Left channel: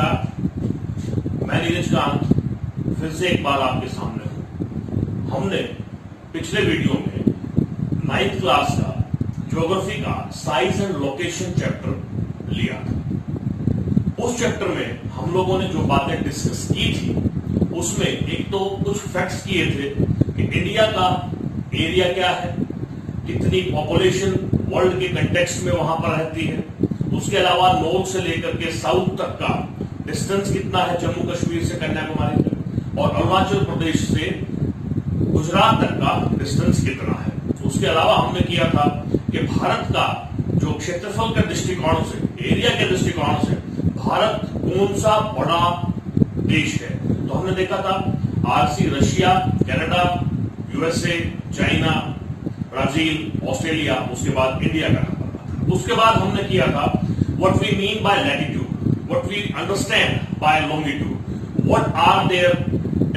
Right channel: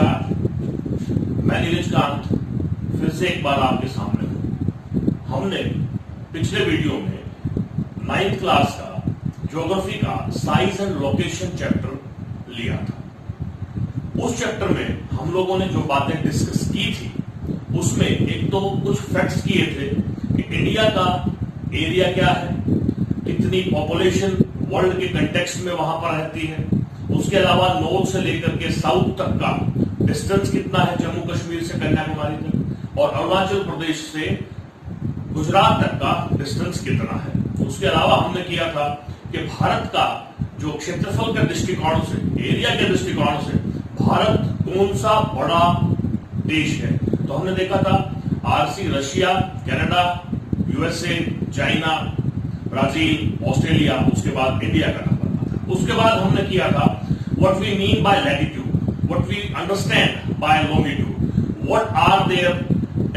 नमस्कार, मैं नीरज कांत फिर से एक बार आपके सामने हूं। हमने पिछले वीडियो में 9th क्लास का ज्योग्राफी का साइज एंड लोकेशन चैप्टर लिया था। उस चैप्टर में हम लोगों ने जो बातें डिस्कस की थी उसमें एक तो कुछ फैक्ट्स किए थे कि इंडिया का एरिया क्या है, कितनी पॉपुलेशन वर्ल्ड के कंटेक्स्ट में वहां पर रहती है, उसके अलावा नॉर्थ से लेकर के साउथ तक का डिस्टेंस कितना है जम्मू कश्मीर से कन्याकुमारी तक, और अरुणाचल प्रदेश से गुजरात तक का डिस्टेंस कितना है। उसके अलावा हमने किया था कि भारत का जो क्षेत्रफल का दृष्टिकोण से, एरिया के दृष्टिकोण से भारत कौन सा बड़ा देश है। तो हमने देखा था RC Russia, Canada, USA, China, Brazil, Australia, उसके बाद इंडिया का नंबर था। उसके बाद हमने किया था what we mean by latitude, what we understand by longitude, what are their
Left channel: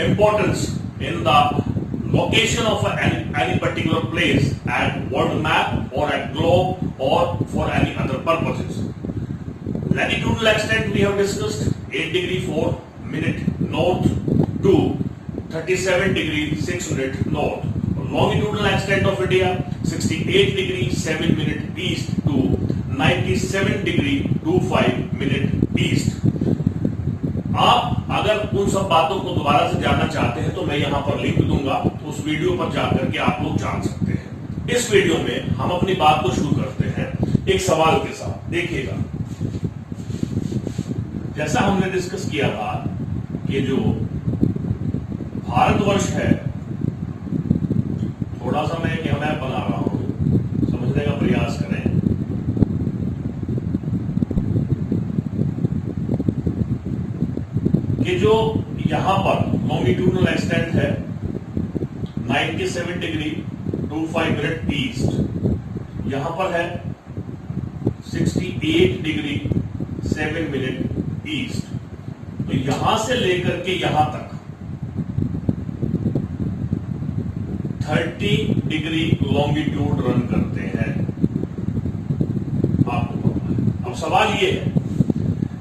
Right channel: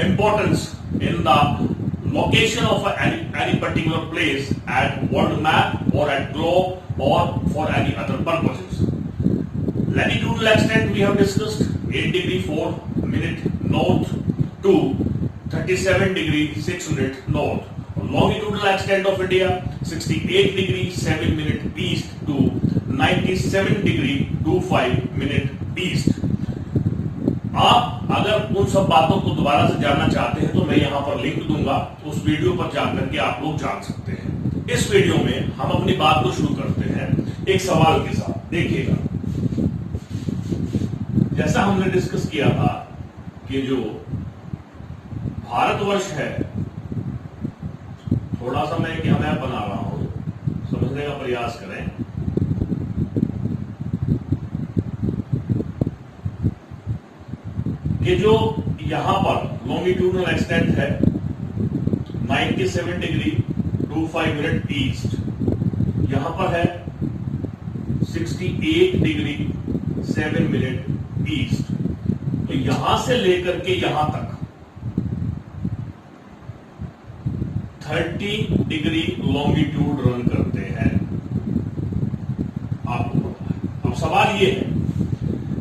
importance in the location of any particular place at world map or at globe or for any other purposes. Latitudinal extent we have discussed 8 degree 4 minute north to 37 degree 6 minute north. Longitudinal extent of India 68 degree 7 minute east to 97 degree 25 minute east. आप अगर उन सब बातों को दोबारा से जानना चाहते हैं तो मैं यहां पर लिंक दूंगा, उस वीडियो पर जाकर के आप लोग जान सकते हैं। इस वीडियो में हम अपनी बात को शुरू करते हैं एक सवाल के साथ। देखिएगा, जैसा हमने डिस्कस किया था, ये जो भारतवर्ष है, थोड़ा सा मैं क्या मैप बना रहा हूं, समझने का प्रयास करें। ये जो यहां पर लॉन्गिट्यूडनल एक्सटेंट है 97 डिग्री 25 मिनट ईस्ट, यहां पर है 68 डिग्री 7 मिनट ईस्ट। तो यहां से लेकर के यहां तक 30 डिग्री लॉन्गिट्यूड रन करते हैं। आपको पता है। अब सवाल ये है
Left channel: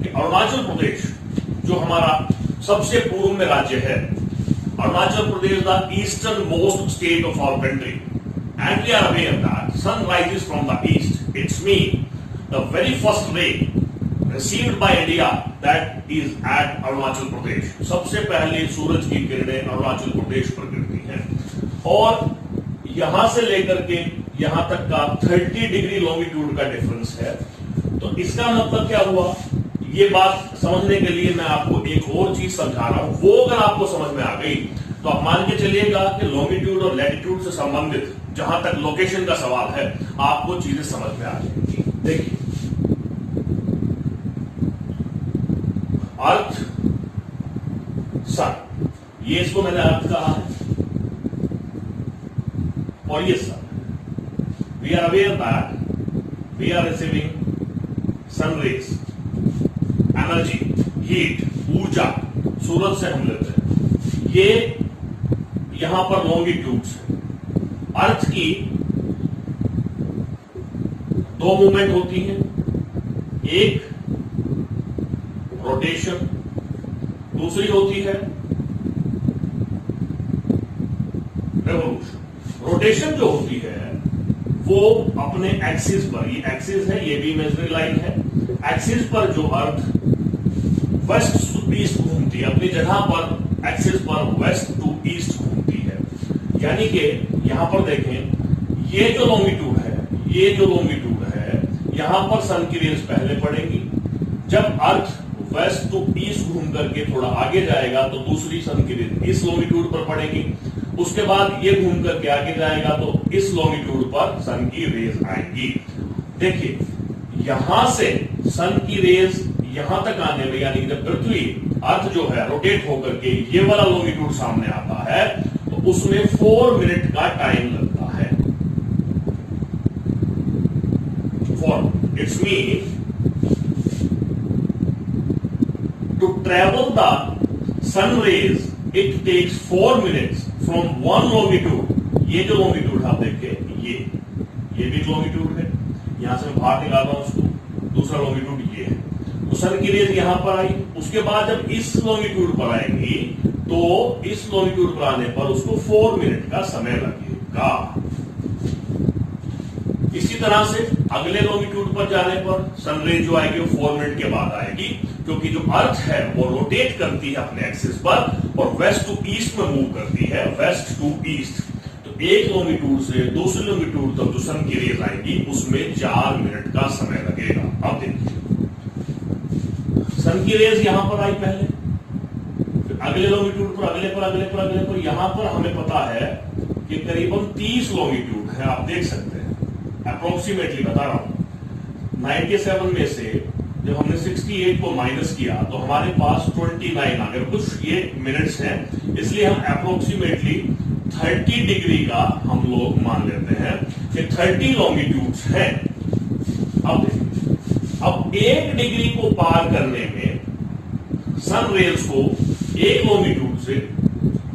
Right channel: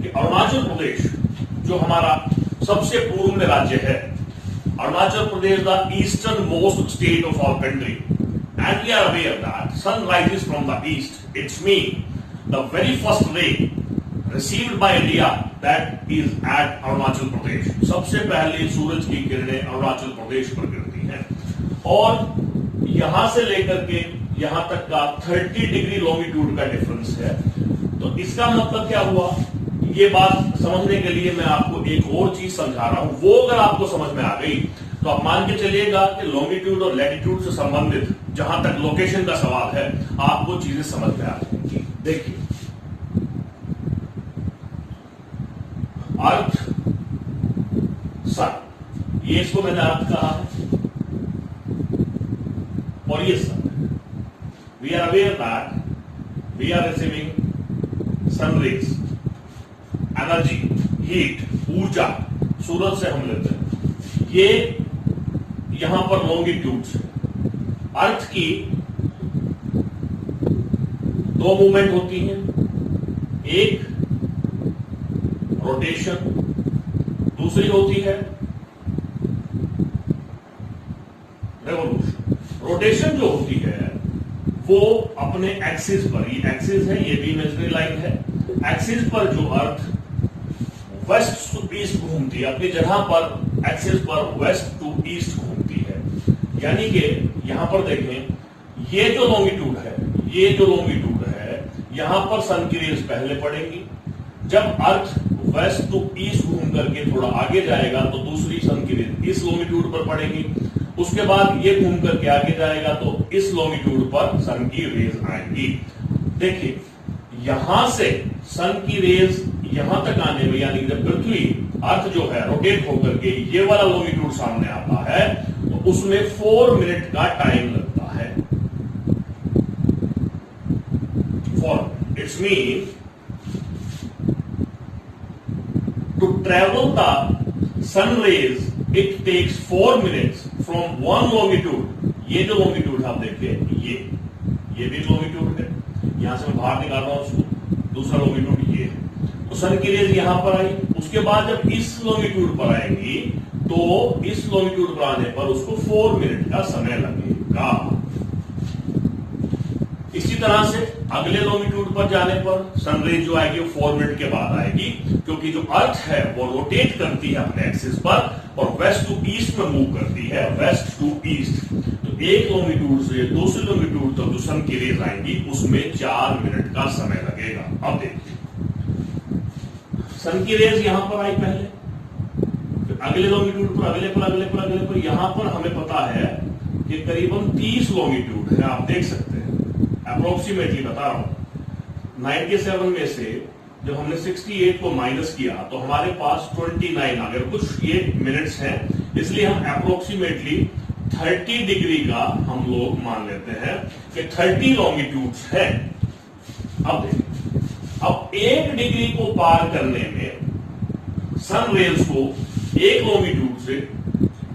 कि अरुणाचल प्रदेश जो हमारा सबसे पूर्व में राज्य है, Arunachal Pradesh the easternmost state of our country, and we are aware that sun rises from the east. It's mean the very first ray received by India that is at Arunachal Pradesh. सबसे पहले सूरज की किरणें अरुणाचल प्रदेश पर गिरती हैं, और यहां से लेकर के यहां तक का 30 डिग्री लॉन्गिट्यूड का डिफरेंस है। तो इसका मतलब क्या हुआ, ये बात समझने के लिए मैं आपको एक और चीज समझा रहा हूं। वो अगर आपको समझ में आ गई तो आप मान के चलिएगा कि लॉन्गिट्यूड और लैटिट्यूड से संबंधित जहां तक लोकेशन का सवाल है, आपको चीजें समझ में आ जाएंगी। देखिए, अर्थ, सन, ये इसको मैंने अर्थ कहा है और ये सन है। We are aware that we are receiving sun rays, energy, heat, ऊर्जा सूरज से हम लेते हैं। ये यहां पर लॉन्गिट्यूड से अर्थ की दो मूवमेंट होती हैं, एक रोटेशन, दूसरी होती है रेवोल्यूशन। रोटेशन जो होती है वो अपने एक्सिस पर, ये एक्सिस है, ये भी इमेजिनरी लाइन है, एक्सिस पर जो अर्थ वेस्ट टू ईस्ट घूमती है, अपनी जगह पर एक्सिस पर वेस्ट टू ईस्ट घूमती है। यानी कि यहां पर देखें, ये जो लॉन्गिट्यूड है, ये जो लॉन्गिट्यूड है, यहां पर सन की रेज पहले पड़ेगी। जब अर्थ वेस्ट टू ईस्ट घूम करके थोड़ा आगे जाएगा तो दूसरी सन की रेज इस लॉन्गिट्यूड पर पड़ेगी। उसके बाद ये घूम करके आगे जाएगा तो इस लॉन्गिट्यूड पर सन की रेज आएंगी। देखिए, यहां से सन की रेज यहां तक आने में, यानी जब पृथ्वी, अर्थ जो है रोटेट होकर के ये वाला लॉन्गिट्यूड सामने आता है तो उसमें 4 मिनट का टाइम लगता है। For it's mean to travel the sun rays it takes 4 minutes from one longitude. ये जो लॉन्गिट्यूड आप देखिए, ये भी लॉन्गिट्यूड है, यहां से मैं बाहर निकाल रहा हूं उसको, दूसरा लॉन्गिट्यूड ये है। तो सन की रेज यहां पर आई, उसके बाद जब इस लॉन्गिट्यूड पर आएंगी तो इस लॉन्गिट्यूड पर आने पर उसको 4 मिनट का समय लगेगा। इसी तरह से अगले लॉन्गिट्यूड पर जाने पर सन रेज जो आएगी वो 4 मिनट के बाद आएगी, क्योंकि जो अर्थ है वो रोटेट करती है अपने एक्सिस पर और वेस्ट टू ईस्ट में मूव करती है, वेस्ट टू ईस्ट। तो एक लॉन्गिट्यूड से दूसरे लॉन्गिट्यूड तक जो सन की रेज आएंगी उसमें 4 मिनट का समय लगेगा। अब देखिए सन की रेज यहां पर आई पहले, फिर अगले लॉन्गिट्यूड पर, अगले पर, अगले पर, अगले पर, यहां पर हमें पता है कि करीबन 30 लॉन्गिट्यूड है, आप देख सकते हैं, अप्रोक्सीमेटली बता रहा हूं। 97 में से जब हमने 68 को माइनस किया तो हमारे पास 29 आ गए, कुछ ये मिनट्स हैं, इसलिए हम अप्रोक्सीमेटली 30 डिग्री का हम लोग मान लेते हैं कि 30 लॉन्गिट्यूड्स हैं। अब देखिए, अब 1 डिग्री को पार करने में सन रेज को एक लॉन्गिट्यूड से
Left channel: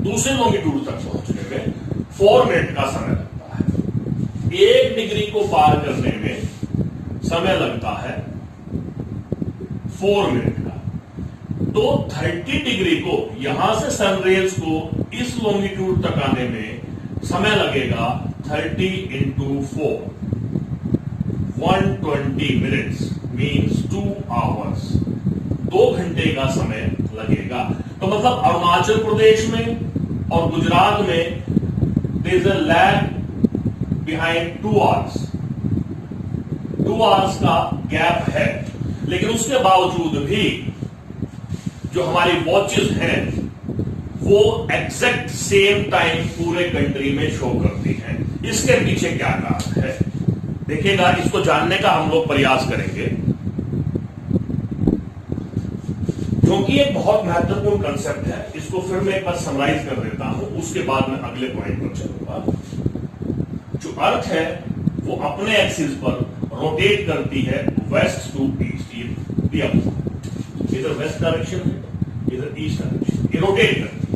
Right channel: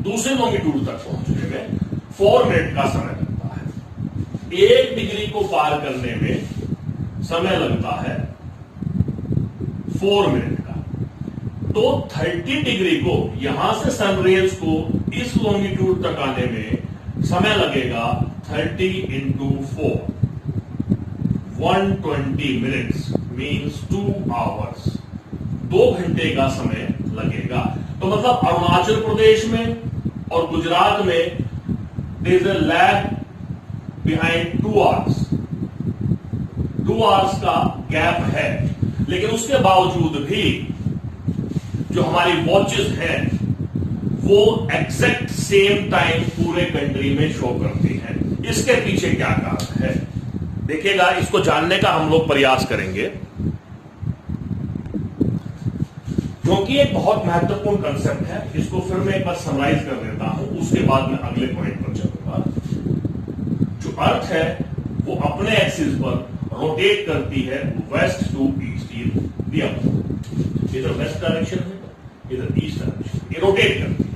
दूसरे लॉन्गिट्यूड तक पहुंचने में 4 मिनट का समय लगता है। 1 डिग्री को पार करने में समय लगता है 4 मिनट का। तो 30 डिग्री को यहां से सन रेज को इस लॉन्गिट्यूड तक आने में समय लगेगा 30 इंटू 4, 120 मिनट्स मीन्स 2 आवर्स, 2 घंटे का समय लगेगा। तो मतलब अरुणाचल प्रदेश में और गुजरात में there is a lag behind 2 hours, 2 hours का गैप है, लेकिन उसके बावजूद भी जो हमारी वॉचेस हैं वो एग्जैक्ट सेम टाइम पूरे कंट्री में शो करती हैं। इसके पीछे क्या कारण है देखिएगा, इसको जानने का हम लोग प्रयास करेंगे, क्योंकि एक बहुत महत्वपूर्ण कंसेप्ट है। इसको फिर मैं एक बार समराइज कर देता हूं, उसके बाद मैं अगले पॉइंट पर चलूंगा। जो अर्थ है वो अपने एक्सिस पर रोटेट करती है वेस्ट टू ईस्ट, इधर वेस्ट डायरेक्शन है, इधर ईस्ट डायरेक्शन, ये रोटेट करती है।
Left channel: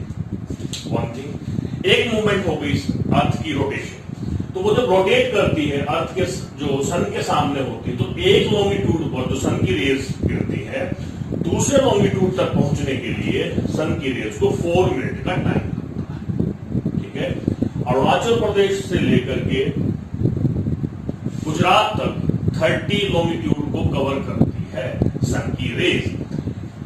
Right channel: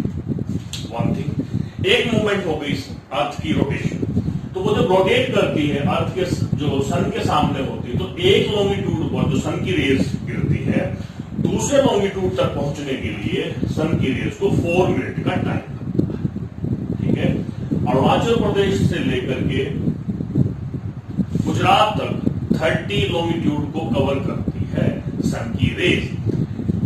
वन थिंग, एक मूवमेंट हो गई अर्थ की रोटेशन, तो वो जब रोटेट करती है अर्थ के जो सन के सामने होती है, तो एक लॉन्गिट्यूड पर जो सन की रेज गिरती है दूसरे लॉन्गिट्यूड तक पहुंचने के लिए सन की रेज को 4 मिनट का टाइम लगता है। ठीक है, अरुणाचल प्रदेश से लेकर के गुजरात तक 30 लॉन्गिट्यूड को कवर करती है सन की रेज।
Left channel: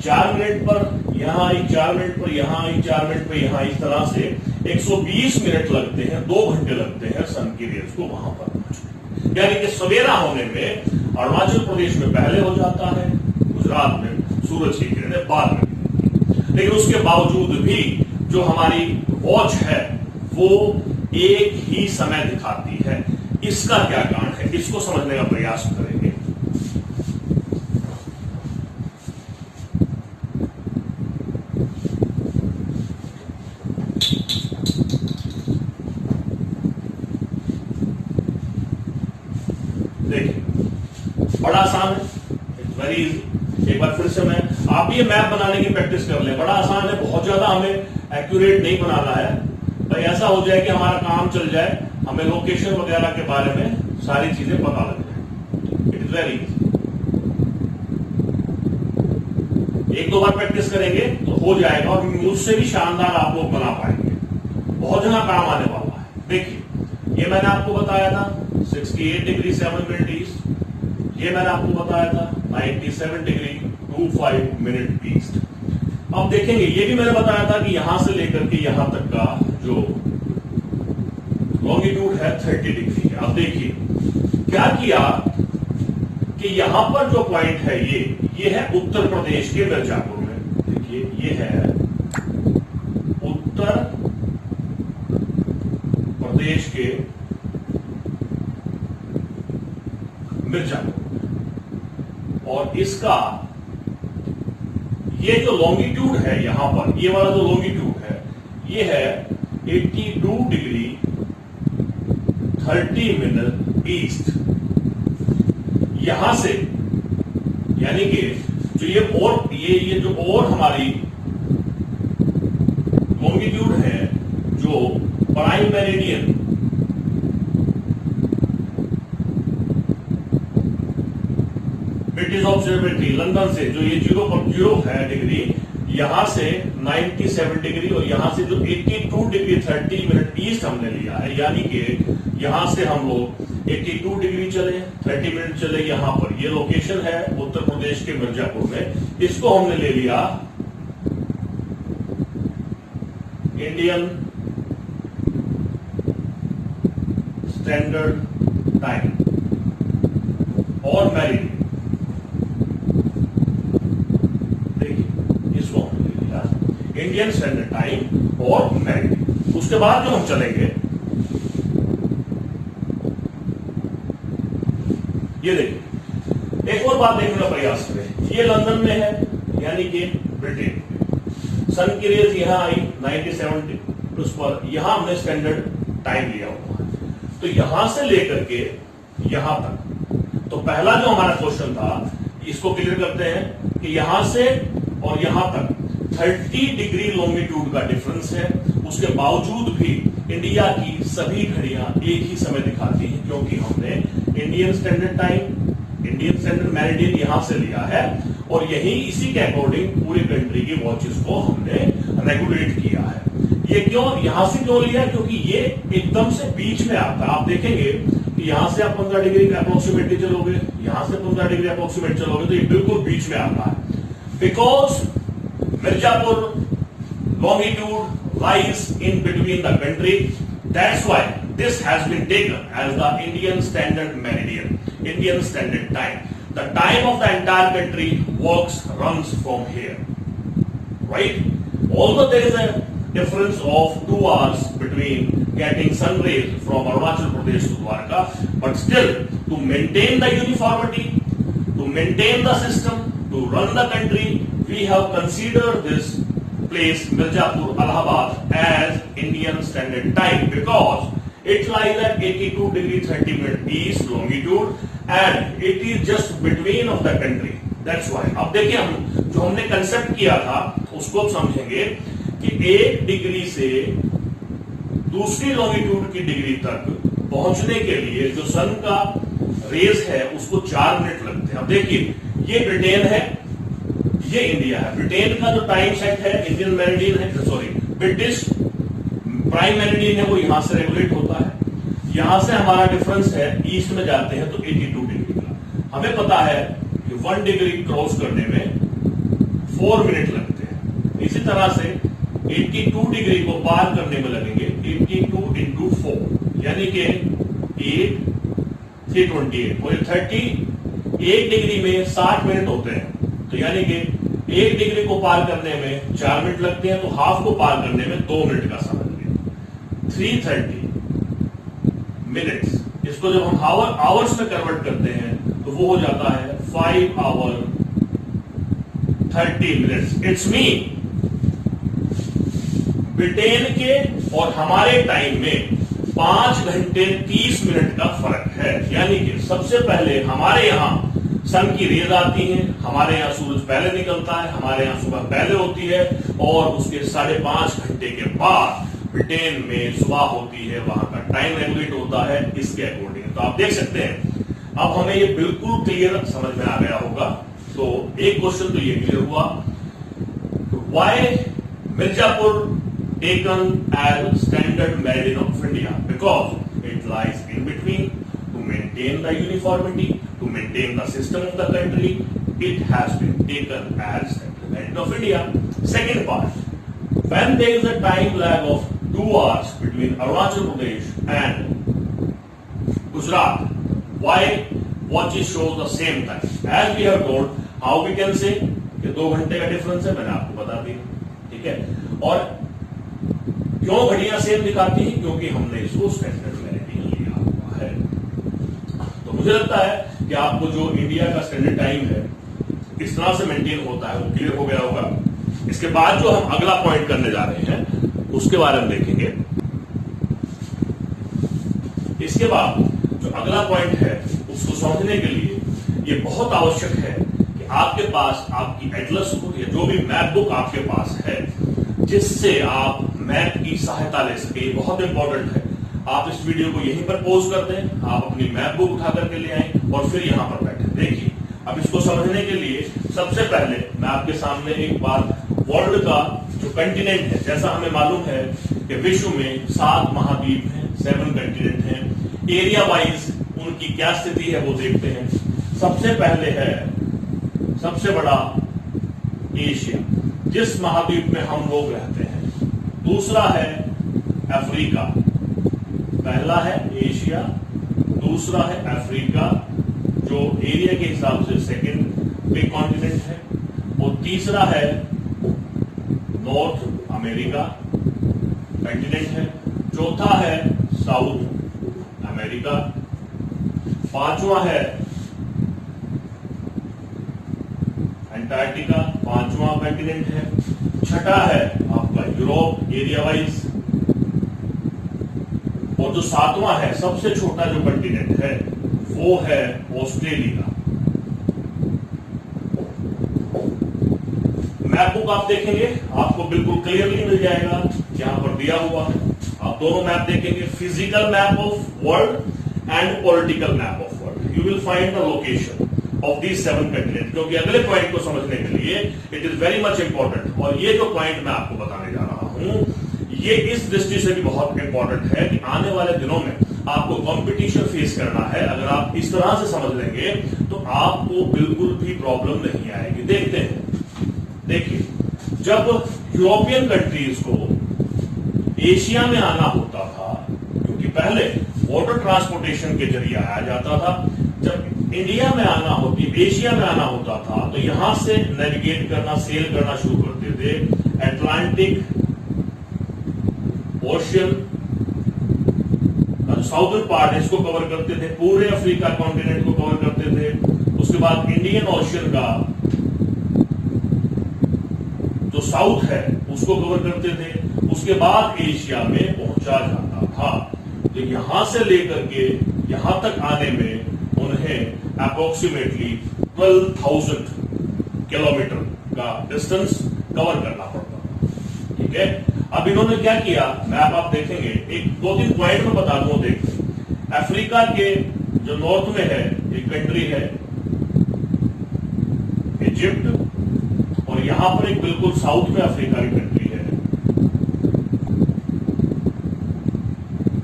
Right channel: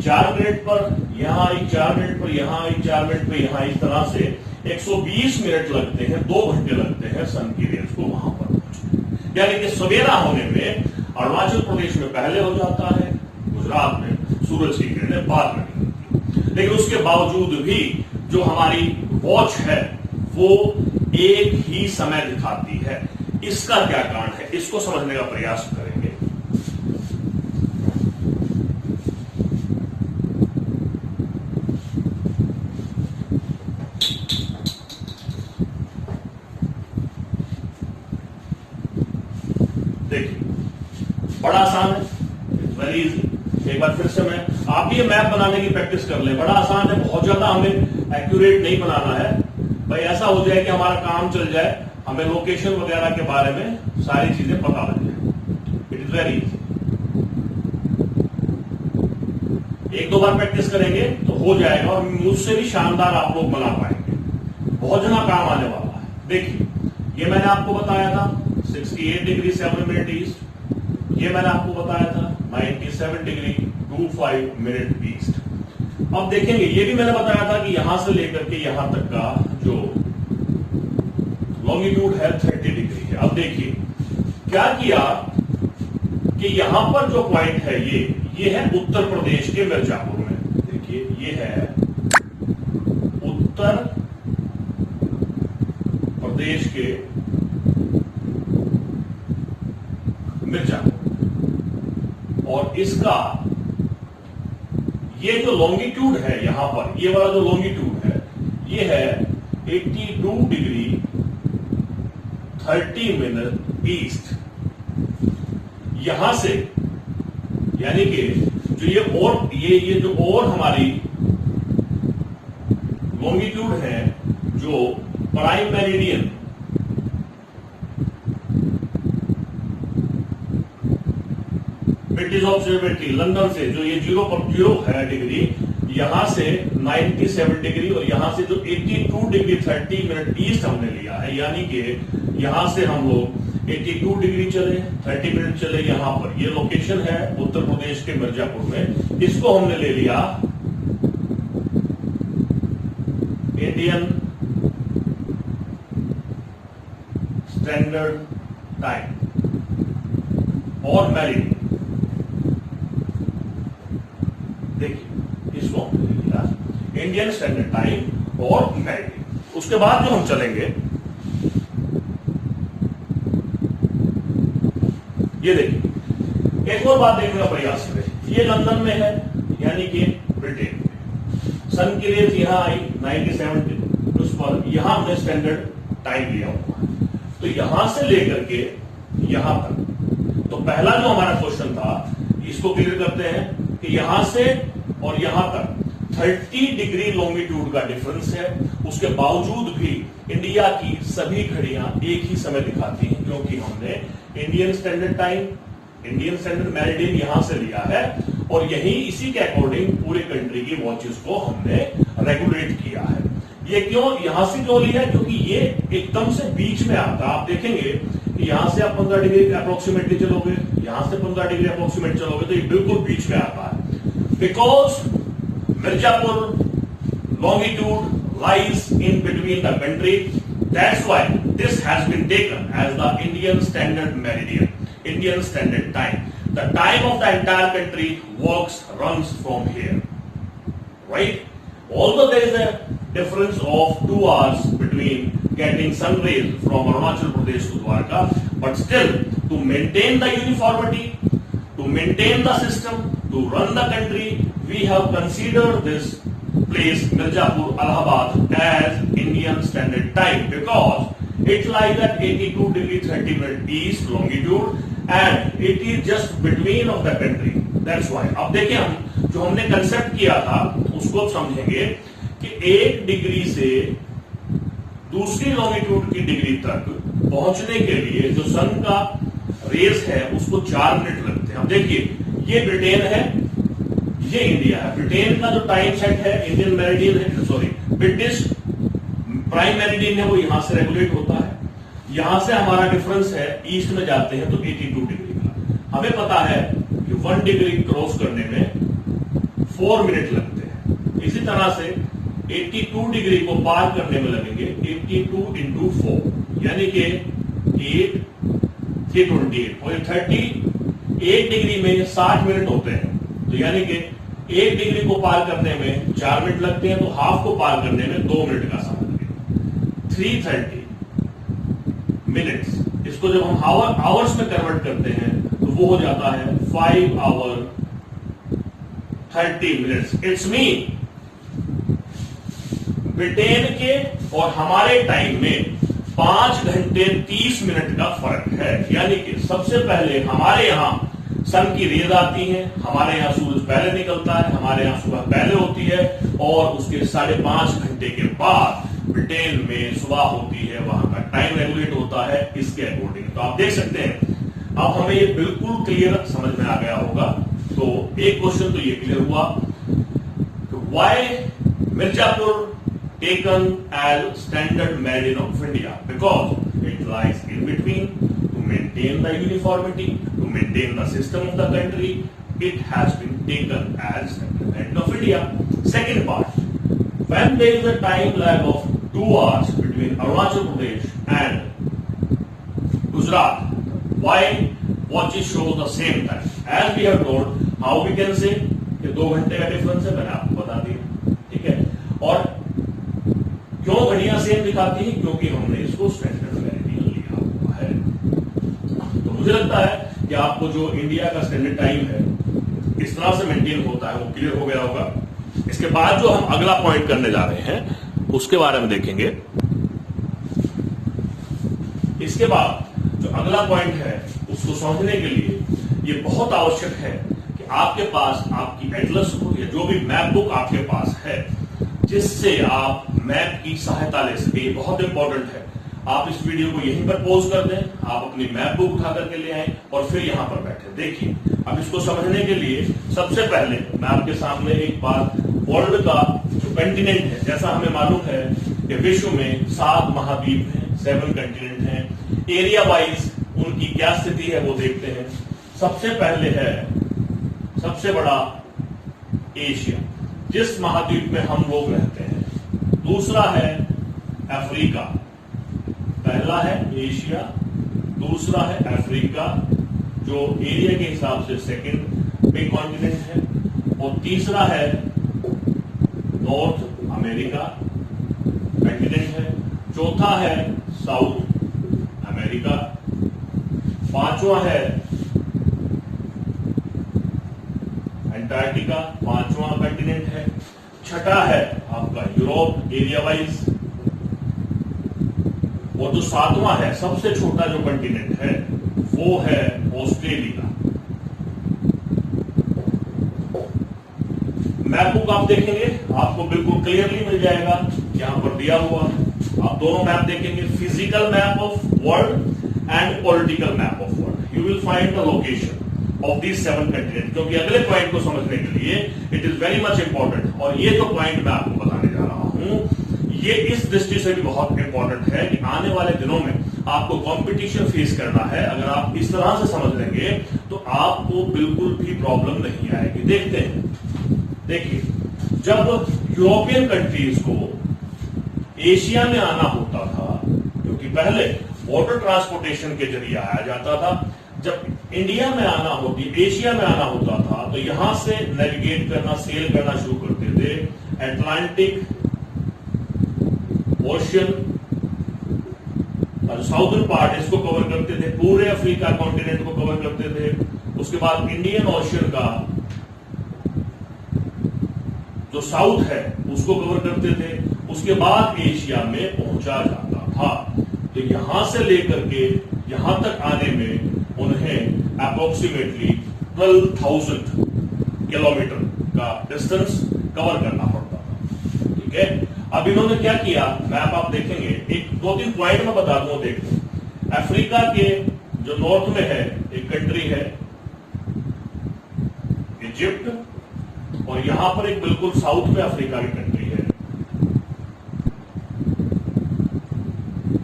4 मिनट पर यहां आई, 4 मिनट पर यहां आई, 4 मिनट पर यहां, इस तरह से 120 मिनट लगते हैं, 2 घंटे लगते हैं सन की रेज को वहां पर पहुंचने। यानी कि सवेरा होने में अरुणाचल प्रदेश में पहले हो जाता है, गुजरात में सूरज की किरणें बाद में। लेकिन उसके बावजूद भी जो हमारी वॉच है वो एक ही समय दिखाती है। इसका क्या कारण है, इसको समझने का प्रयास करेंगे। देखिए, बड़ा आसान है, वेरी इजी। एक बार फिर से मैं, आप ये मैप बनाने की प्रैक्टिस कर लें, बड़ा आसान है, बहुत ज्यादा हमें एक्यूरेट नहीं बनाना है भाई। ऐसा हो जाए कि हमारा काम चल जाए, हमें लोकेशन वगैरह के बारे में सारी चीजें पता लग जाए। It is very easy. 1-2 bar practice करेंगे तो हो जाएगा और मुझसे भी शानदार आप लोग बना पाएंगे, बहुत जना काम आने वाला है। देखिए, ये मैंने आपको बताया था 68 डिग्री 7 मिनट ईस्ट, ये मैंने आपको बताया था 97 डिग्री 25 मिनट ईस्ट। अब देखेंगे, ये भी मैंने बताया था कि यहां से लेकर के यहां तक का जो लॉन्गिट्यूड है 30 डिग्री है। अब देखिए क्या किया कि यहां पर जो पॉइंट है ये है उत्तर प्रदेश के मिर्जापुर में। देखिए, ये है उत्तर प्रदेश के मिर्जापुर, और इसका ये जो लॉन्गिट्यूड है यहां पर, ये वाला जो लॉन्गिट्यूड है ये है 82 डिग्री 30 मिनट ईस्ट। यहां से यानी कि जो ये जो और हमारी लॉन्गिट्यूड है, जो prime meridian British observatory London से जो ये 0 है डिग्री, यहां से 97 डिग्री और यहां से जो 82 डिग्री 30 मिनट ईस्ट हमने लिया है, यानी कि यहां से हम लोग 82 डिग्री चले, 30 मिनट चले यहां पर। ये लोकेशन है उत्तर प्रदेश के मिर्जापुर में। इसको हमने ले लिया इंडियन स्टैंडर्ड टाइम और मेरिडियन। देखिए इसको हमने ले लिया इंडियन स्टैंडर्ड टाइम और मेरिडियन। उसके बाद जो हम चलेंगे, ये देखिए एक और बात देखने का प्रयास करें। ये लंदन में है यानी कि ब्रिटेन में। सन की रेज यहां आई 97 उस पर, यहां हमने स्टैंडर्ड टाइम लिया हुआ। तो यहां से लेकर के यहां तक, तो पहला जो हमारा क्वेश्चन था इसको क्लियर करते हैं कि यहां से और यहां तक 30 डिग्री लॉन्गिट्यूड का डिफरेंस है। उसके बावजूद भी इंडिया की सभी घड़ियां एक ही समय दिखाती हैं, क्योंकि हमने Indian standard time, Indian standard meridian यहां से लिया है और यही इसी के अकॉर्डिंग पूरी कंट्री की वॉचेस को हमने रेगुलेट किया है। ये क्यों यहां से क्यों लिया? क्योंकि ये एकदम से बीच में आता है। आप देखेंगे कि यहां से आप 15 डिग्री अप्रोक्सीमेटली चलोगे, यहां से 15 डिग्री अप्रोक्सीमेट चलोगे, तो ये बिल्कुल बीच में आता है। Because Mirzapur longitude lies in between the country. That's why this has been taken as the Indian Standard Meridian, Indian Standard Time. The time of the entire country runs from here, right? Although there is a difference of 2 hours between getting sun rays from Arunachal Pradesh to Dwarka, but still to maintain the uniformity, to maintain the system, to run the country, we have considered this place Mirzapur, Allahabad as Indian Standard Time because it lies at 82 degree 30 minute east longitude and it is just between of the country. That's why. अब देखें हम जो हमने concept किया था उसको समझेंगे कि 1 डिग्री से दूसरी लॉन्गिट्यूड की डिग्री तक पहुंचने के लिए जो सन का रेस है उसको 4 मिनट लगते हैं। अब देखिए ये ब्रिटेन है, ये इंडिया है। ब्रिटेन का जो टाइम सेट है इंडियन मेरिडियन है, सॉरी ब्रिटिश प्राइम मेरिडियन है, वो यहां से रेगुलेट होता है। यहां से हमारा डिफरेंस है ईस्ट में जाते हैं तो 82 डिग्री का। हमें पता है कि 1 डिग्री क्रॉस करने में 4 मिनट लगते हैं। इसी तरह से 82 डिग्री को पार करने में लगेंगे 82 इंटू 4 यानी कि 8 328 और 1 डिग्री में 60 मिनट होते हैं। तो यानी कि 1 डिग्री को पार करने में 4 मिनट लगते हैं, तो हाफ को पार करने में 2 मिनट का समय लगेगा। 330 मिनट्स, इसको जब हम आवर्स में कन्वर्ट करते हैं तो वो हो जाता है 5 hour 30 minutes. It's mean Britain के और हमारे टाइम में 5 घंटे 30 मिनट का फर्क है। यानी कि सबसे पहले हमारे यहां सन की रेज आती है, हमारे यहां सूरज पहले निकलता है, हमारे यहां सुबह पहले होती है और उसके 5.5 घंटे के बाद ब्रिटेन में सुबह होती है, वहां का टाइम रेगुलेट होता है इसके अकॉर्डिंग। तो आप देख सकते हैं अब हमें ये बिल्कुल क्लियर समझ में आ गया होगा। तो एक क्वेश्चन तो ये क्लियर हुआ, why Mirzapur taken as standard meridian of India? Because it lies in between. To maintain the uniformity, to maintain the system of the country, it has been taken as standard meridian of India. Second part, when there is a time lag of 2 hours between Arunachal Pradesh and Gujarat, why watches show the same time? As we have told, how we can say कि 2 घंटे का difference है, मैंने आपको बता दिया, ठीक है। और क्यों घड़ियां सेम दिखाती है? क्योंकि हमने इसको स्टैंडर्ड मेरिडियन लिया हुआ है। तो मुझे लगता है कि आपको जो इंडिया का स्टैंडर्ड टाइम है किस तरह से मेंटेन होता है वो क्लियर हो गया होगा। इसके बाद जो हम अगला पॉइंट करने जा रहे हैं उसके बारे में देखेंगे। इसके बाद जो अगला पॉइंट है उसको समझने के लिए ये बहुत आवश्यक है कि आपके पास आपकी एटलस हो या जो भी मैप बुक आपके पास है जिससे आप मैप की सहायता ले सके। बहुत इंपॉर्टेंट है। आप इस वीडियो को यहीं पर पॉज कर दें, आप अपनी मैप बुक उठा करके ले आए और फिर यहां पर बैठे। देखिए अब इसको समझने के लिए सबसे पहले मैं आपके सामने एक बार वर्ल्ड का जो कंटिनेंट है, जैसा हमें मालूम है कि विश्व में 7 महाद्वीप हैं, 7 कंटिनेंट हैं, एरिया वाइज उनकी क्या स्थिति है वो देखते हैं। सबसे पहले है सबसे बड़ा एशिया, जिस महाद्वीप में हम लोग रहते हैं। दूसरा है अफ्रीका, पहला है एशिया, दूसरा है अफ्रीका जो एरिया के हिसाब से सेकंड बिग कॉन्टिनेंट है, और तीसरा है नॉर्थ अमेरिका कंटिनेंट है, चौथा है साउथ अमेरिका, पांचवा है अंटार्कटिका, पांचवा कंटिनेंट है, छठा है आपका यूरोप एरिया वाइज, और जो सातवां है सबसे छोटा जो कंटिनेंट है वो है ऑस्ट्रेलिया। मैप बुक आप देखेंगे आपको बिल्कुल क्लियरली मिल जाएगा, यहां पर दिया हुआ। आप दोनों मैप देखेंगे, physical map of world and political map of world. You will find the location of these 7 continent, क्योंकि अगले पॉइंट को समझने के लिए it is very much important. और ये जो पॉइंट मैं आपको बताने जा रहा हूं ये इस दृष्टि से भी बहुत इंपॉर्टेंट है कि आने वाले दिनों में आपको कंपटीशन फेस करना है। अगर आप इस तरह से समझ लेंगे तो आपको बिल्कुल भी प्रॉब्लम नहीं आएगी। देखते हैं, देखिए, जब यूरोपियन कंट्रीज को एशिया में आना होता था, क्योंकि पहले वाटर ट्रांसपोर्टेशन के जरिए आया जाता था, जब इंडिया में आना होती एशिया में आना होता था तो यहां से नेविगेट करना, सेल करना शुरू करते थे। अटलांटिक ओशियन साउदर्न पार्ट इसको कवर करते थे, पूरे अफ्रीका कॉन्टिनेंट को कवर करते थे। उसके बाद इंडियन ओशियन का जो साउथ है उसको कवर करते थे। उसके बाद एशिया में पहुंचा जाता था। तो यहां से लेकर के यहां तक आने में उन्हें अप्रोक्सीमेटली 12,000 किलोमीटर का डिस्टेंस कवर करना पड़ता था। ठीक है, अब इन्होंने क्या किया, मैप आप देखेंगे, एक 2-3 पॉइंट में बता दूं। देखो, अफ्रीका के जो नॉर्थ में है एक कंट्री है इजिप्ट, और यहां पर एक बिल्कुल साउथ में अफ्रीका की कंट्री है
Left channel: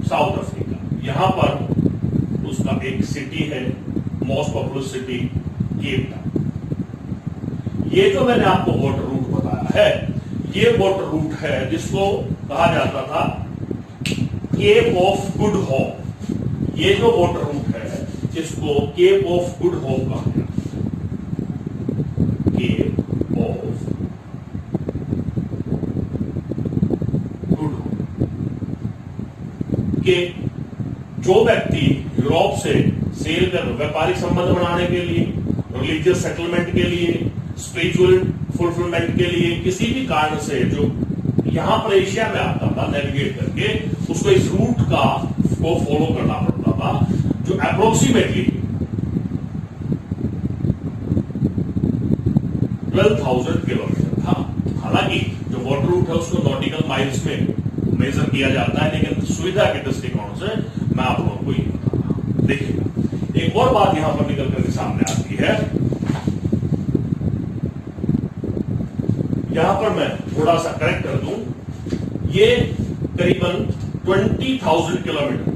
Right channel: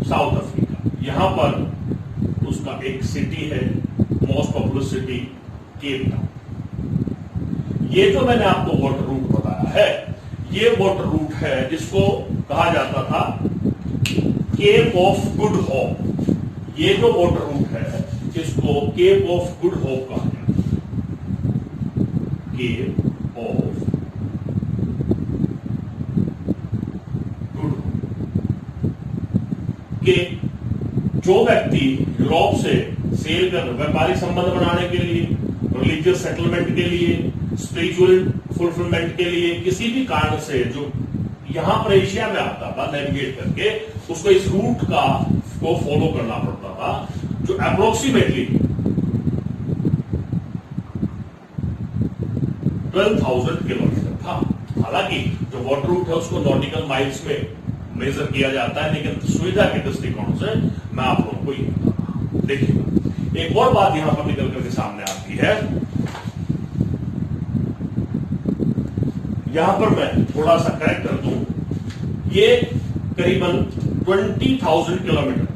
साउथ अफ्रीका। यहां पर उसका एक सिटी है, most popular city Cape Town. ये जो मैंने आपको वाटर रूट बताया है, ये वाटर रूट है जिसको कहा जाता था केप ऑफ गुड होप। ये जो वाटर रूट है इसको केप ऑफ गुड होप कहा जाता है। केप ऑफ गुड होप के जो व्यक्ति यूरोप से सेल कर व्यापारिक संबंध बनाने के लिए, रिलीजियस सेटलमेंट के लिए, स्पिरिचुअल फुलफिलमेंट के लिए, किसी भी कारण से जो यहां पर एशिया में आता था नेविगेट करके, उसको इस रूट का को फॉलो करना पड़ता था, जो अप्रोक्सीमेटली 12,000 किलोमीटर था। हालांकि जो वाटर रूट है उसको नॉटिकल माइल्स में मेजर किया जाता है, लेकिन सुविधा के दृष्टिकोण से मैं आप लोगों को ये बता रहा हूं। देखिए, एक और बात यहां पर निकल करके सामने आती है। यहां पर मैं थोड़ा सा करेक्ट कर दूं, ये करीबन 20,000 किलोमीटर,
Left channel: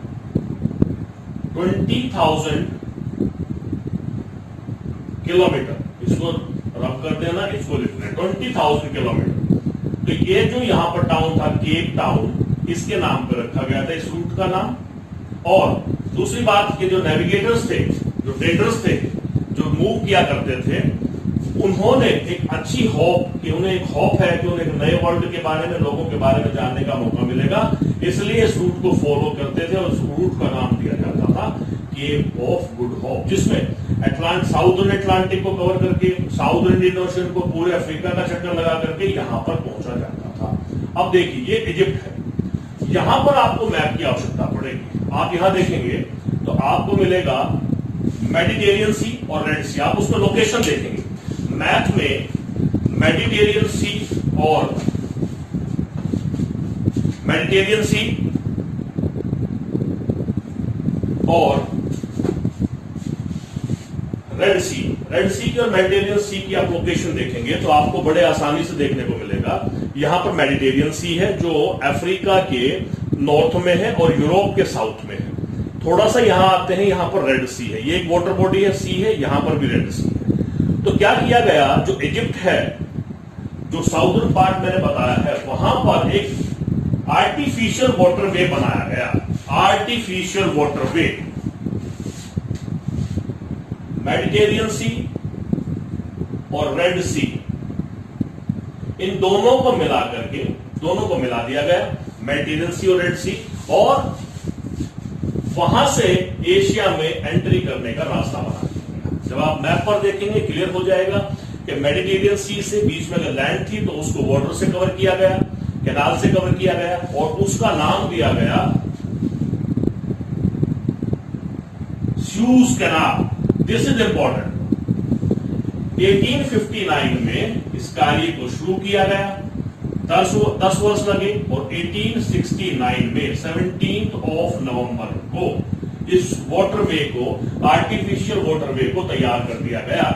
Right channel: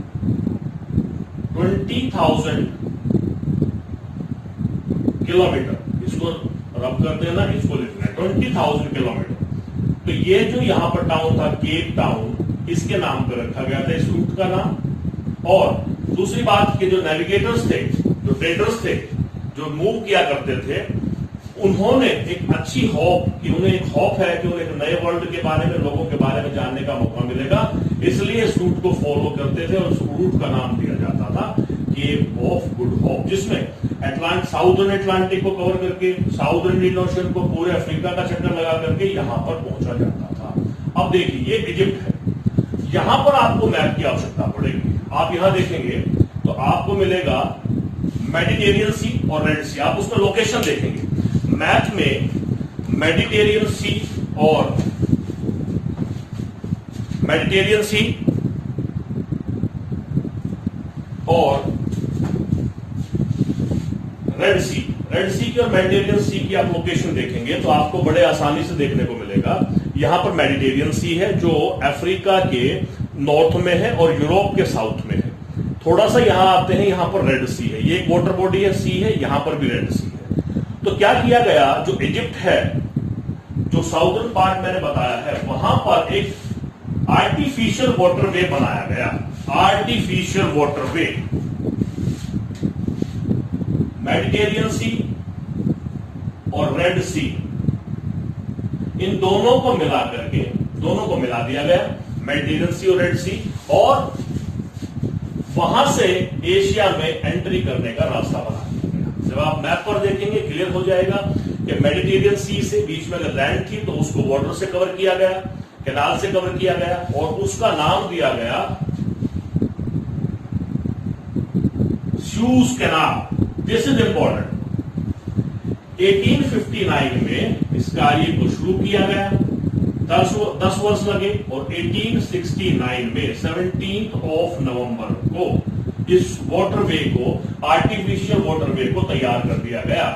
20,000 किलोमीटर, इसको रब करते हैं ना, इसको लिखना है 20,000 किलोमीटर। तो ये जो यहां पर टाउन था केप टाउन, इसके नाम पर रखा गया था इस रूट का नाम। और दूसरी बात कि जो नेविगेटर्स थे, जो ट्रेडर्स थे, जो मूव किया करते थे, उन्होंने एक अच्छी होप कि उन्हें एक होप है कि उन्हें नए वर्ल्ड के बारे में, लोगों के बारे में जानने का मौका मिलेगा, इसलिए इस रूट को फॉलो करते थे और उस रूट का नाम दिया जाता था केप ऑफ गुड होप, जिसमें साउदर्न अटलांटिक को कवर करके, साउदर्न इंडियन ओशन को, पूरे अफ्रीका का चक्कर लगा करके यहां पर पहुंचा जाता था। अब देखिए, ये इजिप्ट है, यहां पर आपको मैप की आवश्यकता पड़ेगी। आप यहां देखेंगे तो आपको मिलेगा मेडिटेरियन सी और रेड सी, आप उसमें लोकेशन देखेंगे। मैप में मेडिटेरियन सी और रेड सी की और मेडिटेरियन सी की आप लोकेशन देखेंगे तो आपको बड़े आसानी से देखने को मिलेगा। यहां पर मेडिटेरियन सी है जो अफ्रीका के नॉर्थ में है और यूरोप के साउथ में है। थोड़ा सा यहां आते हैं, यहां पर रेड सी है, ये एक वाटर बॉडी है, सी है, यहां पर भी रेड सी है। तो क्या किया गया, जो इजिप्ट है, जो साउदर्न पार्ट मैंने बताया है, वहां पर एक आर्टिफिशियल वाटरवे बनाया गया। आर्टिफिशियल वाटरवे मेडिटेरियन सी और रेड सी, इन दोनों को मिला करके, दोनों को मिला दिया गया, मेडिटेरियन सी और रेड सी, और वहां से एशिया में एंट्री करने का रास्ता बना दिया गया। जब आप मैप पर देखेंगे क्लियर हो जाएगा कि मेडिटेरियन सी से बीच में अगर लैंड थी तो उसको वाटर से कवर किया गया, कैनाल से कवर किया गया, और उसका नाम दिया गया sues canal. This is important. 1859 में इस कार्य को शुरू किया गया, 10 वर्ष लगे, और 1869 में 17 नवंबर को इस वाटरवे को, आर्टिफिशियल वाटरवे को तैयार कर दिया गया।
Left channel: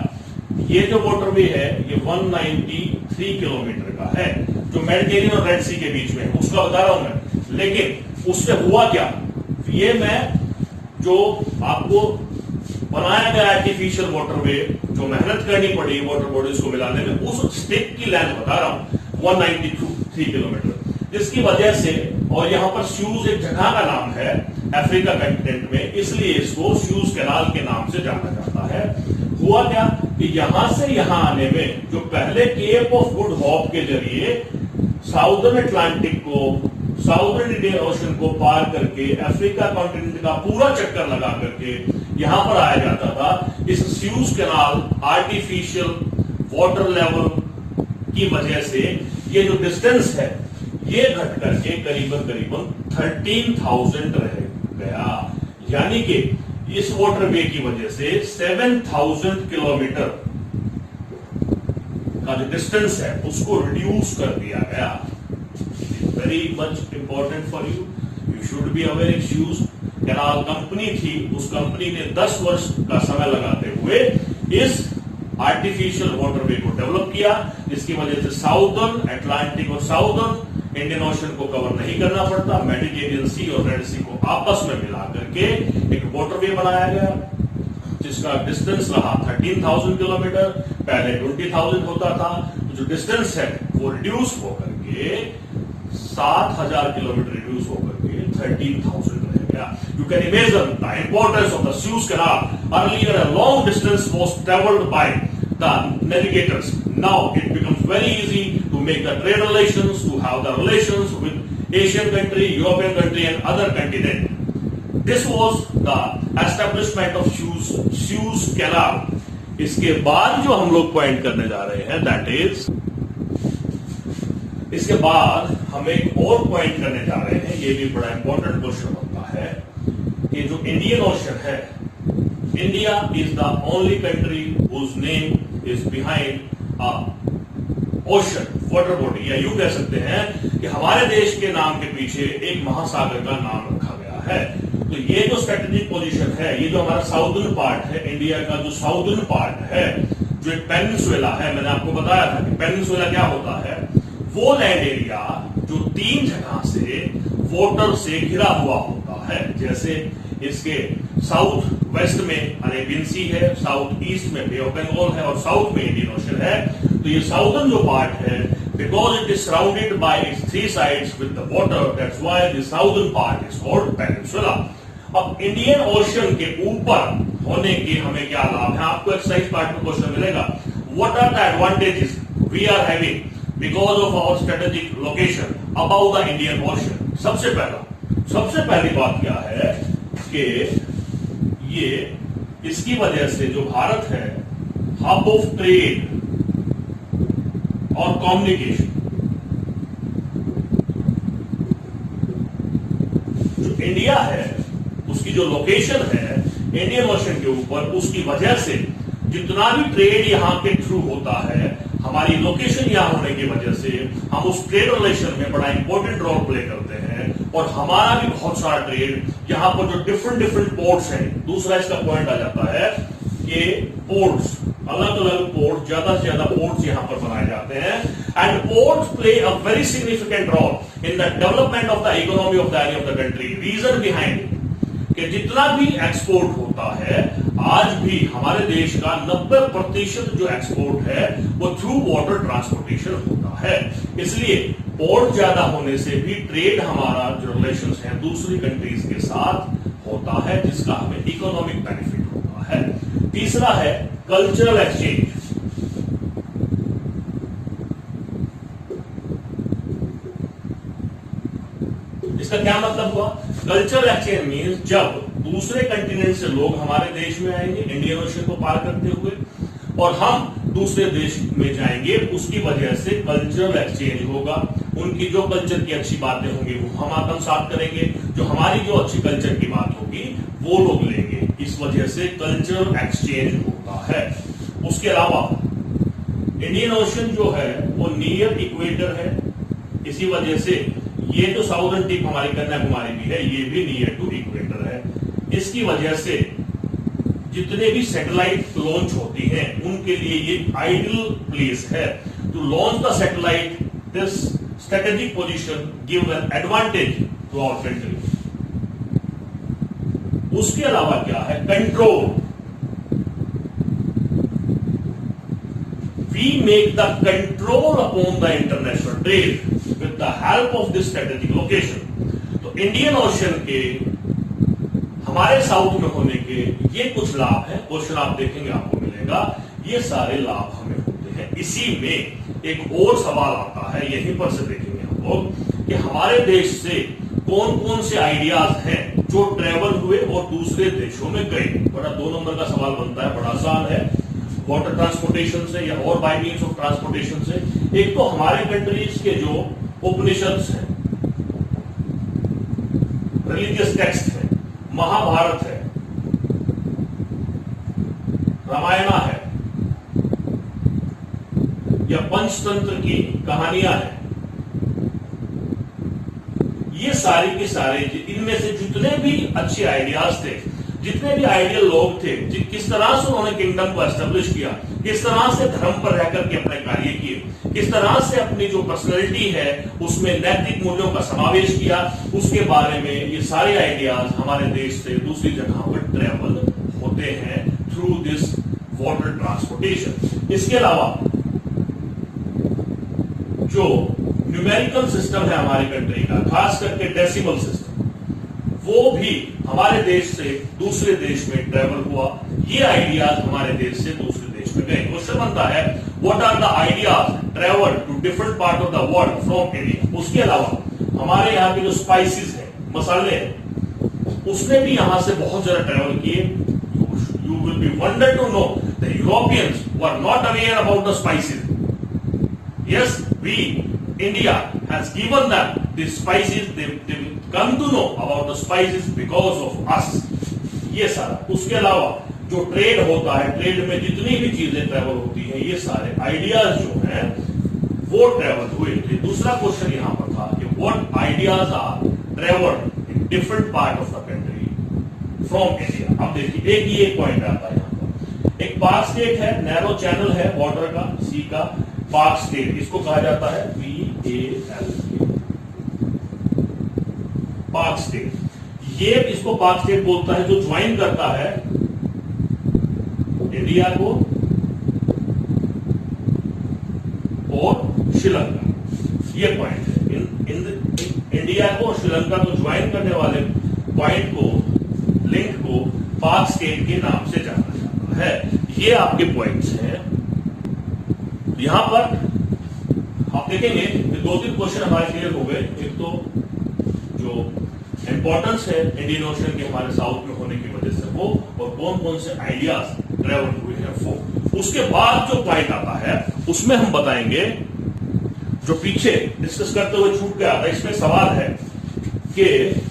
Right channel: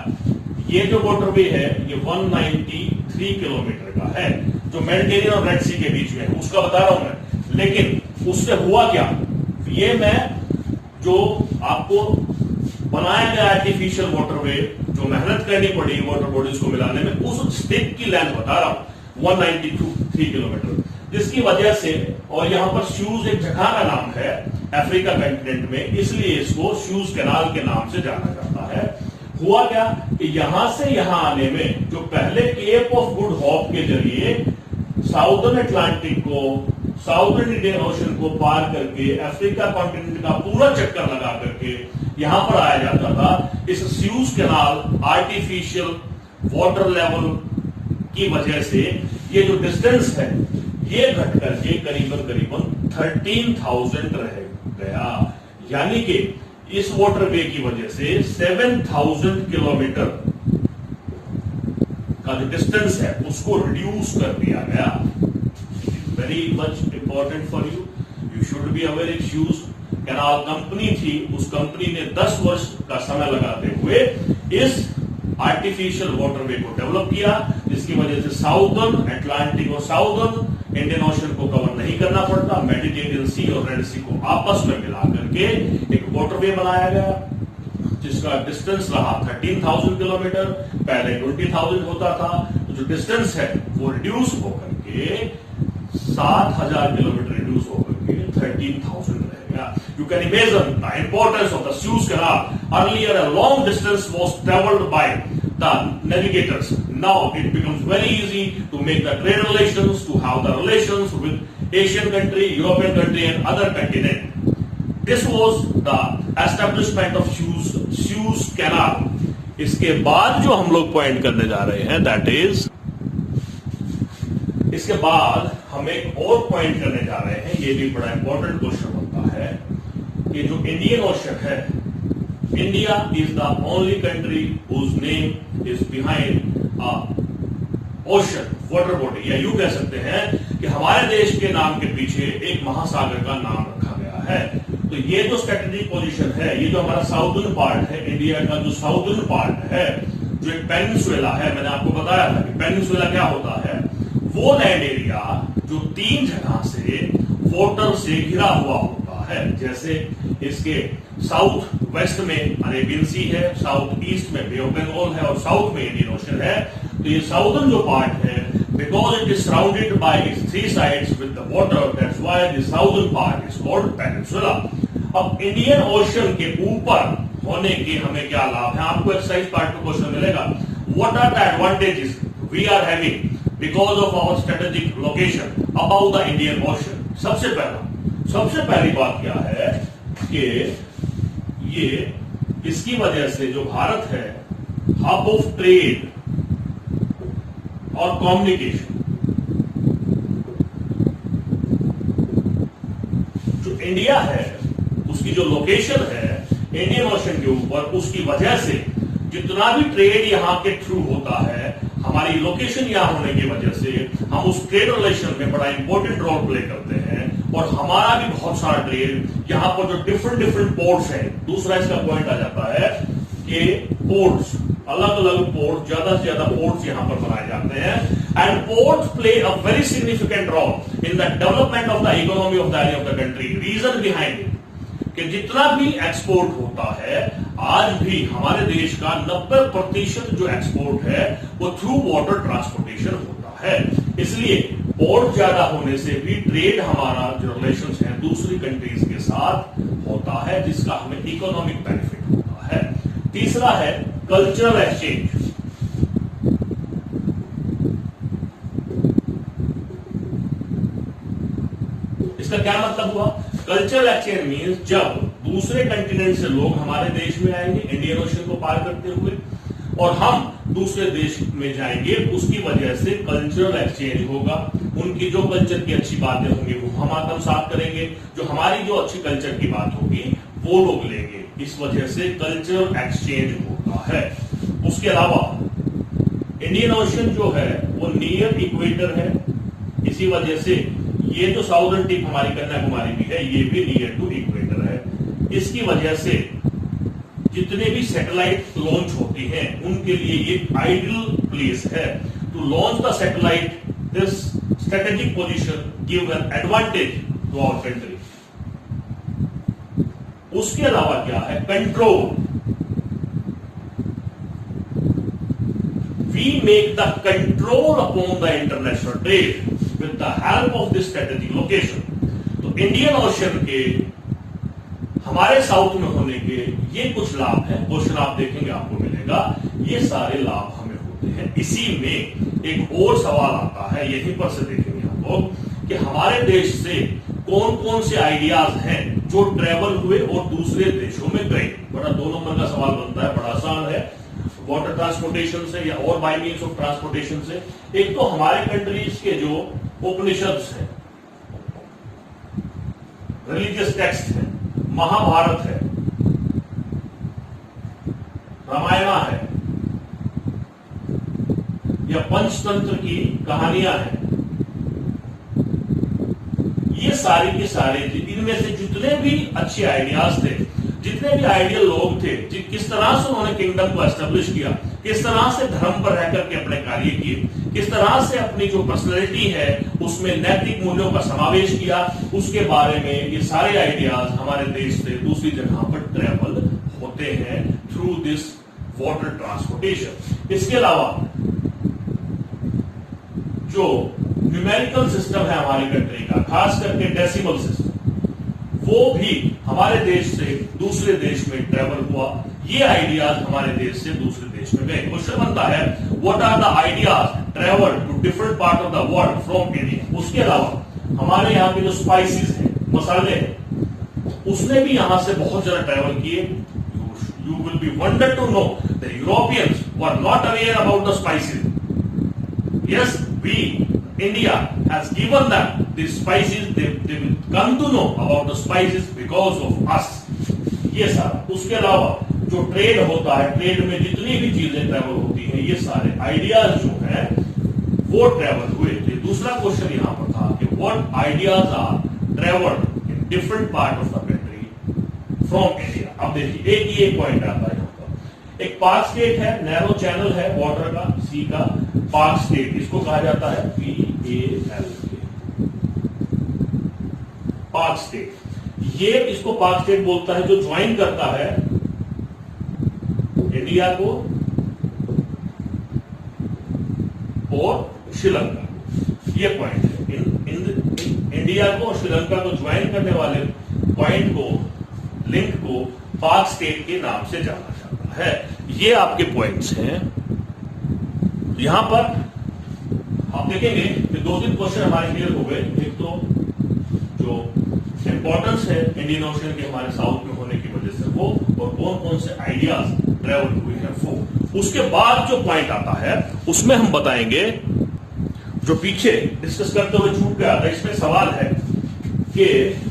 ये जो वाटरवे है ये 193 किलोमीटर का है, जो मेडिटेरियन और रेड सी के बीच में है, उसका बता रहा हूं मैं। लेकिन उससे हुआ क्या, ये मैं जो आपको बनाया गया आर्टिफिशियल वाटरवे, जो मेहनत करनी पड़ी वाटर बॉडीज को मिलाने में, उस स्टिक की लेंथ बता रहा हूं 193 किलोमीटर, जिसकी वजह से, और यहां पर स्यूज एक जगह का नाम है अफ्रीका कंटिनेंट में, इसलिए इसको स्यूज कैनाल के नाम से जाना जाता है। हुआ क्या कि यहां से यहां आने में, जो पहले केप ऑफ गुड होप के जरिए साउदर्न अटलांटिक को, साउदर्न इंडियन ओशन को पार करके अफ्रीका कॉन्टिनेंट का पूरा चक्कर लगा करके यहां पर आया जाता था, इस sues canal artificial water level की वजह से ये जो डिस्टेंस है ये घट करके करीबन 13,000 रह गया। यानी कि इस वाटरवे की वजह से 7,000 किलोमीटर का जो डिस्टेंस है उसको रिड्यूस कर दिया गया। Very much important for you, you should be aware. एक स्यूज कैनाल कंपनी थी, उस कंपनी ने 10 वर्ष का समय लगाते हुए इस आर्टिफिशियल वाटरवे को डेवलप किया, जिसकी वजह से साउदर्न अटलांटिक और साउदर्न इंडियन ओशन को कवर नहीं करना पड़ता। मेडिटेरियन सी और रेड सी को आपस में मिला करके एक वाटरवे बनाया गया, जिसका डिस्टेंस रहा 13,000 किलोमीटर, पहले 20,000 होता था। तो जो डिस्टेंस है वो रिड्यूस होकर के 7,000 किलोमीटर रिड्यूस होकर के 13,000 रहेगा। You can imagine the importance of the Suez Canal. Earlier, a long distance was traveled by the navigators. Now, it becomes very easy to make the trade relations, to have the relations with Asian country, European country, and other continent. This was the establishment of Suez Canal. इसके बाद जो हम लोग point करने जा रहे हैं, that is, इसके बाद हम एक और पॉइंट करने जा रहे हैं, ये भी बड़ा इंपॉर्टेंट क्वेश्चन बनता है कि जो इंडियन ओशन है, India is the only country whose name is behind ocean water body, या यूं कह सकते हैं कि हमारे देश के नाम के पीछे एक महासागर का नाम रखा गया है। तो ये जो स्ट्रेटेजिक पोजीशन है, ये जो हमारा साउदर्न पार्ट है, इंडिया का जो साउदर्न पार्ट है, जो एक पेनिनसुला है, मैंने आपको बताया था कि पेनिनसुला क्या होता है, वो लैंड एरिया जो 3 जगह से वाटर से घिरा हुआ होता है। जैसे इसके साउथ वेस्ट में अरेबियन सी है, साउथ ईस्ट में बे ऑफ बंगाल है, और साउथ में इंडियन ओशन है। तो ये साउदर्न जो पार्ट है, because it is surrounded by its 3 sides with the water, that's why the southern part is called peninsula. अब इंडियन ओशन के ऊपर होने के हमें क्या लाभ है, आपको एक्सरसाइज पार्ट में क्वेश्चन मिलेगा। What are the advantages we are having because of our strategic location above the Indian Ocean? सबसे पहली बात क्या है कि ये इसकी वजह से जो भारत है, हब ऑफ ट्रेड और कम्युनिकेशन, जो इंडिया है उसकी जो लोकेशन है इंडियन ओशन के ऊपर, उसकी वजह से जितना भी ट्रेड यहां के थ्रू होता है, हमारी लोकेशन यहां होने की वजह से हम उस ट्रेड रिलेशन में बड़ा इंपॉर्टेंट रोल प्ले करते हैं, और हमारा भी बहुत सारा ट्रेड यहां पर जो डिफरेंट पोर्ट्स हैं। दूसरा इसका पॉइंट आ जाता है के पोर्ट्स, अलग अलग पोर्ट, ज्यादा से ज्यादा पोर्ट्स यहां पर बनाए जाते हैं and ports play a very significant role in the development of the economy of the area of the country. Reason behind it कि जितना भी एक्सपोर्ट होता है, आज भी हमारे देश का 90% जो एक्सपोर्ट है वो थ्रू वाटर ट्रांसपोर्टेशन होता है। इसलिए पोर्ट ज्यादा होने से भी ट्रेड, हमारा जो रिलेशन है दूसरी कंट्रीज के साथ होता है, जिसका हमें इकोनॉमिक बेनिफिट होता है। तीसरा है कल्चरल एक्सचेंज। इसका क्या मतलब हुआ? कल्चरल एक्सचेंज मीन्स जब दूसरे कंटिनेंट से लोग हमारे देश में आएंगे इंडियन ओशन को पार करते हुए, और हम दूसरे देश में जाएंगे, उसकी वजह से कल्चरल एक्सचेंज होगा। उनकी जो कल्चर की अच्छी बातें होंगी वो हम आत्मसात करेंगे, जो हमारी जो अच्छी कल्चर की बात होगी वो लोग लेंगे। इस वजह से कल्चरल एक्सचेंज होता है। उसके अलावा इंडियन ओशन जो है वो नियर इक्वेटर है, इसी वजह से ये जो साउदर्न टिप हमारी कन्याकुमारी भी है ये भी नियर टू इक्वेटर है। इसकी वजह से जितने भी सैटेलाइट लॉन्च होती हैं उनके लिए ये आइडियल प्लेस है to launch the satellite. This strategic position give an advantage to our country. उसके अलावा क्या है? Control. We make the control upon the international trade with the help of this strategic location. तो Indian ocean के हमारे south में होने के ये कुछ लाभ है, क्वेश्चन आप देखेंगे आपको मिलेगा, ये सारे लाभ हमें होते हैं। इसी में एक और सवाल आता है, यहीं पर से देखेंगे हम लोग कि हमारे देश से कौन कौन से आइडियाज हैं जो ट्रेवल हुए और दूसरे देशों में गए। बड़ा 2 नंबर का सवाल बनता है, बड़ा आसान है। वाटर ट्रांसपोर्टेशन से या और बाय मीन्स ऑफ ट्रांसपोर्टेशन से। एक तो हमारे कंट्रीज के जो उपनिषद है, रिलीजियस टेक्स्ट है, महाभारत है, रामायण है या पंचतंत्र की कहानियां हैं, ये सारे के सारे इनमें से जितने भी अच्छे आइडियाज थे, जितने भी आइडियल लोग थे, किस तरह से उन्होंने किंगडम को एस्टेब्लिश किया, किस तरह से धर्म पर रहकर के अपने कार्य किए, किस तरह से अपनी जो पर्सनैलिटी है उसमें नैतिक मूल्यों का समावेश किया, उसके बारे में ये सारे आइडियाज हमारे देश से दूसरी जगह पर ट्रेवल होते हैं थ्रू दिस वाटर ट्रांसपोर्टेशन। इसके अलावा जो न्यूमेरिकल सिस्टम है हमारी कंट्री का, खास करके डेसिमल सिस्टम, वो भी हमारे देश से दूसरे देश में ट्रेवल हुआ। ये आइडियाज हमारे देश से दूसरे देश में गए। क्वेश्चन बनता है what are the ideas travel to different part of the world from India. उसके अलावा हमारे यहाँ के जो स्पाइसेस हैं, मसाले हैं, उसने भी यहां से बहुत ज्यादा ट्रेवल किए। You will be wonder to know the Europeans were not aware about the spices. Yes, we India has given them the spices. They will come to know about the spices because of us. ये सारा। उसके अलावा जो trade होता है, trade में जितनी भी चीजें ट्रेवल होती हैं, ये सारे आइडियाज जो हैं वो ट्रेवल हुए थे। दूसरा क्वेश्चन यहां पर था कि what ideas are travelled in different part of the country from India. अब देखिए एक पॉइंट आता है यहां पर। एक पार्क स्टेट है, नैरो चैनल है वाटर का, सी का, पार्क स्टेट, इसको कहा जाता है PAL, पार्क स्टेट। ये इसको पार्क स्टेट बोलता है जो ज्वाइन करता है इंडिया को और श्रीलंका। ये पॉइंट है इंडिया को और श्रीलंका को ज्वाइन करने वाले पॉइंट को, लिंक को पार्क स्टेट के नाम से जाना जाता है। ये आपके पॉइंट्स हैं। यहां पर आप देखेंगे कि 2-3 क्वेश्चन हमारे क्लियर हो गए। एक तो जो इंपॉर्टेंस है इंडियन ओशन के हमारे साउथ में होने की वजह से वो, और कौन कौन से आइडियाज ट्रेवल हुए हैं वो। उसके बाद जो पॉइंट आता है उसमें हम बताएंगे, जो पीछे डिस्कस करते हुए छूट गया था, इसमें सवाल है कि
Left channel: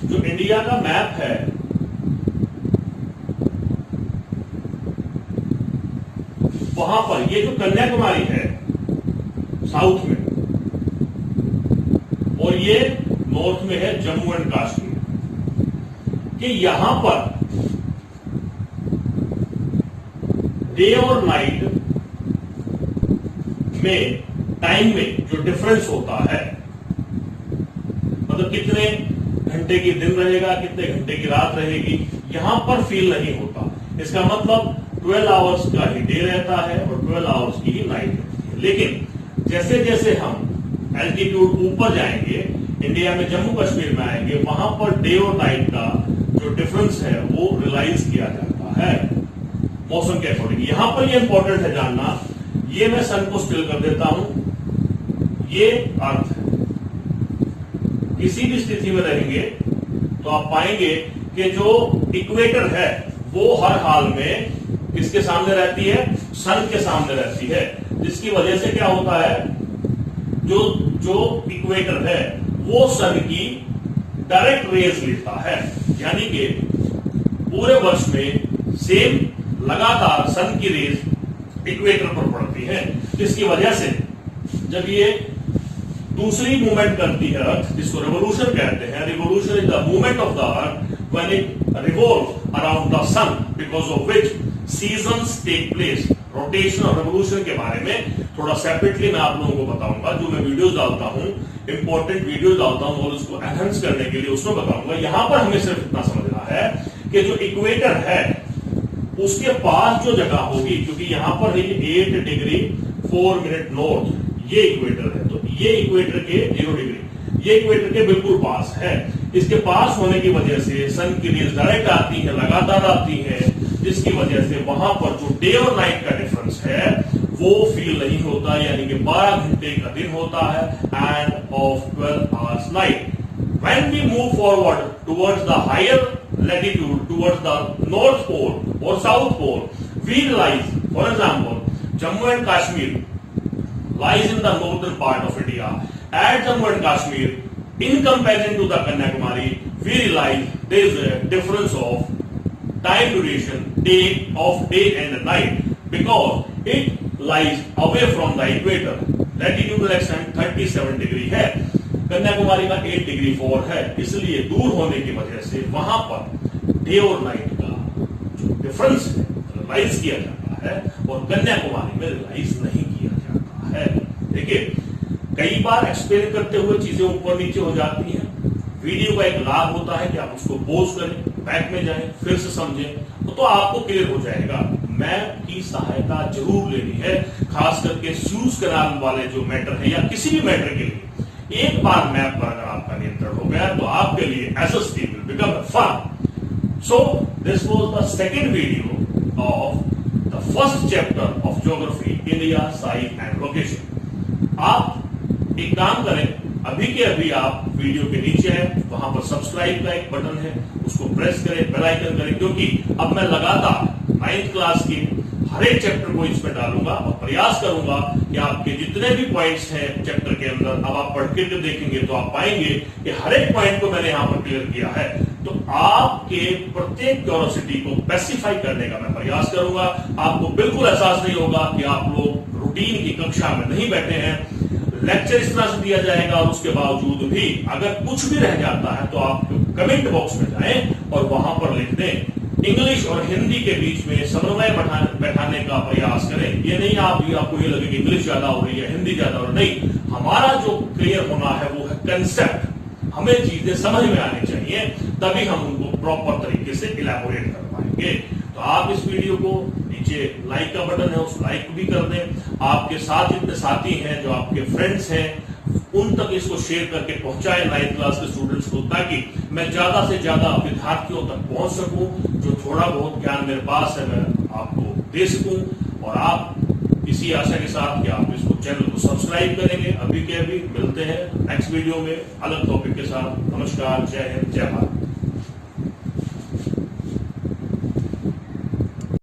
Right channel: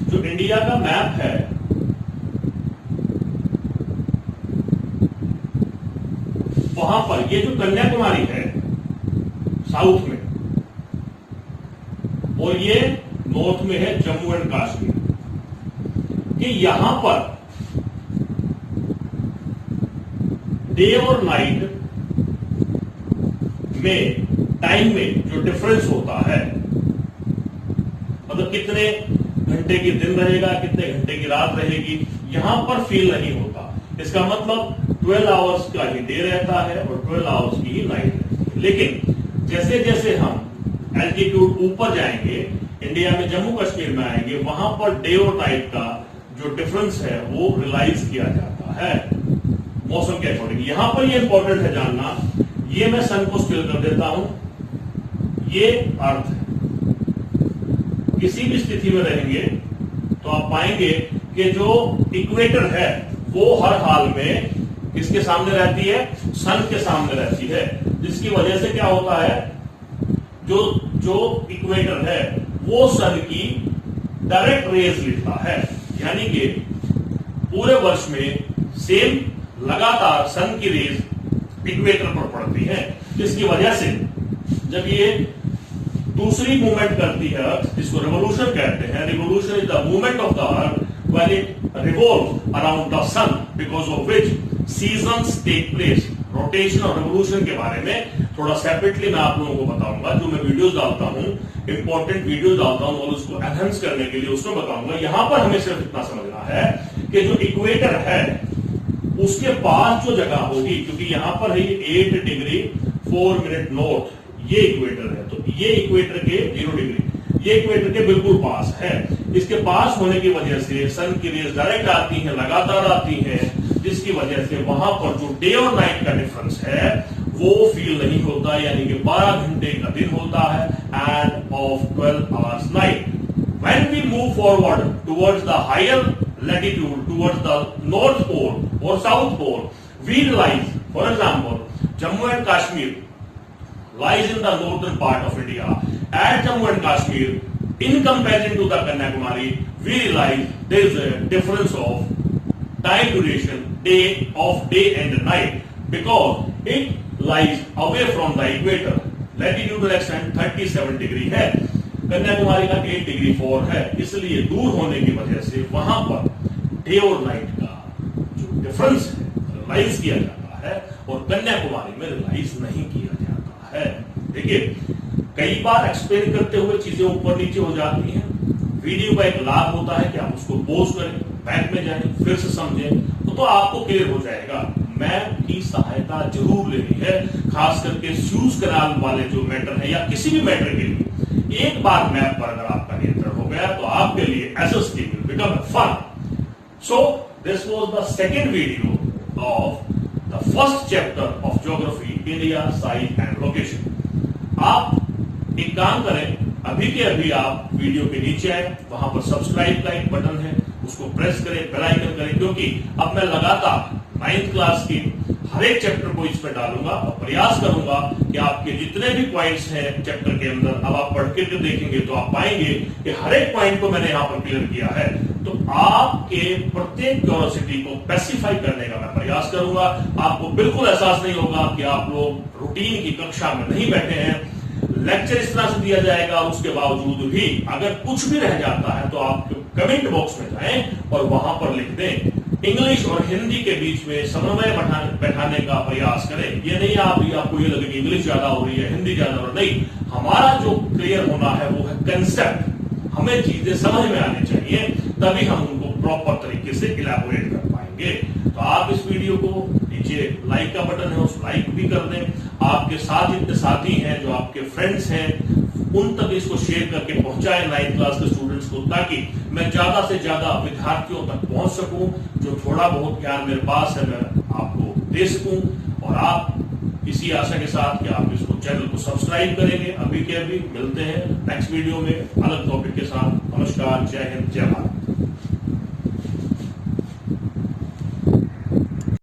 जो इंडिया का मैप है वहां पर ये जो कन्याकुमारी है साउथ में, और ये नॉर्थ में है जम्मू एंड कश्मीर, कि यहां पर डे और नाइट में टाइम में जो डिफरेंस होता है, मतलब कितने घंटे की दिन रहेगा, कितने घंटे की रात रहेगी, यहां पर फील नहीं होता। इसका मतलब 12 आवर्स का ही डे रहता है और 12 आवर्स की ही नाइट रहती है। लेकिन जैसे जैसे हम एल्टीट्यूड ऊपर जाएंगे, इंडिया में जम्मू कश्मीर में आएंगे, वहां पर डे और नाइट का जो डिफरेंस है वो रियलाइज किया जाता है मौसम के अकॉर्डिंग। यहां पर ये इंपॉर्टेंट है जानना, ये मैं सन को स्टिल कर देता हूं, ये अर्थ है। किसी भी स्थिति में रहेंगे तो आप पाएंगे कि जो इक्वेटर है वो हर हाल में किसके सामने रहती है, सन के सामने रहती है, जिसकी वजह से क्या होता है, जो इक्वेटर है वो सन की डायरेक्ट रेज लेता है, यानी कि पूरे वर्ष में सेम लगातार सन की रेज इक्वेटर पर पड़ती है, जिसकी वजह से जब ये दूसरी मूवमेंट करती है अर्थ, जिसको रिवोल्यूशन कहते हैं, revolution is the movement of the earth when it revolves around the sun, because of which seasons take place. Rotation और रिवोल्यूशन के बारे में थोड़ा सेपरेटली मैं आप लोगों को बताऊंगा, जो मैं वीडियोस डालता हूं, इंपॉर्टेंट वीडियोस डालता हूं और उसको एनहांस करने के लिए उसमें बताऊंगा। यहां पर हमें सिर्फ इतना समझना है कि जो इक्वेटर है उसके पास जो जगह होगी, क्योंकि यहां पर है 8 डिग्री 4 मिनट नॉर्थ, ये इक्वेटर है, तो ये इक्वेटर के 0 डिग्री, ये इक्वेटर के बिल्कुल पास है। इसके पास होने की वजह से सन की रेज डायरेक्ट आती है, लगातार आती है, जिसकी वजह से वहां पर जो डे और नाइट का डिफरेंस है वो फील नहीं होता, यानी कि 12 घंटे का दिन होता है end of 12 hours night. When we move forward towards the higher latitude, towards the North Pole or South Pole, we realize, for example, Jammu and Kashmir lies in the northern part of India. At Jammu and Kashmir, in comparison to the Kanyakumari, we realize there is a difference of time duration, day and night, because it lies away from the equator. Latitudinal extent 37 degree है, कन्याकुमारी का 8 degree 4 है, इसलिए दूर होने की वजह से वहां पर डे और नाइट का जो डिफरेंस है रियलाइज किया जाता है और कन्याकुमारी में रियलाइज नहीं किया जाता है। देखिए, कई बार एक्सप्लेन करते हुए चीजें ऊपर नीचे हो जाती हैं। वीडियो का एक लाभ होता है कि आप उसको पॉज करें, बैक में जाएं, फिर से समझें, तो आपको क्लियर हो जाएगा। मैप की सहायता जरूर लेनी है, खास करके सूज कैनाल वाले जो मैटर है या किसी भी मैटर के लिए एक बार मैप पर अगर आपका नियंत्रण हो गया तो आपके लिए as a steam will become fun. So this was the second video of the first chapter of geography, India, size and location. आप एक काम करें, अभी के अभी आप वीडियो के नीचे हैं, वहां पर सब्सक्राइब का एक बटन है, उसको प्रेस करें, बेल आइकन करें, क्योंकि अब मैं लगातार 9th क्लास की हर एक चैप्टर को इसमें डालूंगा और प्रयास करूंगा कि आपके जितने भी पॉइंट्स हैं चैप्टर के अंदर, अब आप पढ़ के जो देखेंगे तो आप पाएंगे कि हर एक पॉइंट को मैंने यहां पर क्लियर किया है। तो आपके प्रत्येक क्यूरियोसिटी को स्पेसिफाई करने का मैं प्रयास करूंगा। आपको बिल्कुल एहसास नहीं होगा कि आप लोग रूटीन की कक्षा में नहीं बैठे हैं। लेक्चर इस तरह से दिया जाएगा और उसके बावजूद भी अगर कुछ भी रह जाता है तो आप कमेंट बॉक्स में जाएं और वहां पर लिख दें। इंग्लिश और हिंदी के बीच में समन्वय बैठाने का प्रयास करें। ये नहीं आपको ये लगे कि इंग्लिश ज्यादा हो रही है, हिंदी ज्यादा हो रही है, नहीं। हमारा जो क्लियर होना है वो है कंसेप्ट। हमें चीजें समझ में आनी चाहिए, तभी हम उनको प्रॉपर तरीके से इलैबोरेट कर पाएंगे। तो आप इस वीडियो को नीचे लाइक का बटन है, उस लाइक भी कर दें। आपके साथ जितने साथी हैं, जो आपके फ्रेंड्स हैं, उन तक इसको शेयर करके पहुंचाएं 9th क्लास के स्टूडेंट्स को, ताकि मैं ज्यादा से ज्यादा विद्यार्थियों तक पहुंच सकूं। जो थोड़ा बहुत ज्ञान मेरे पास है मैं आपको दे सकूं, और आप इसी आशा के साथ कि आप इसको चैनल को सब्सक्राइब करेंगे। अभी के अभी मिलते हैं नेक्स्ट वीडियो में अलग टॉपिक के साथ। नमस्कार, जय हिंद, जय भारत।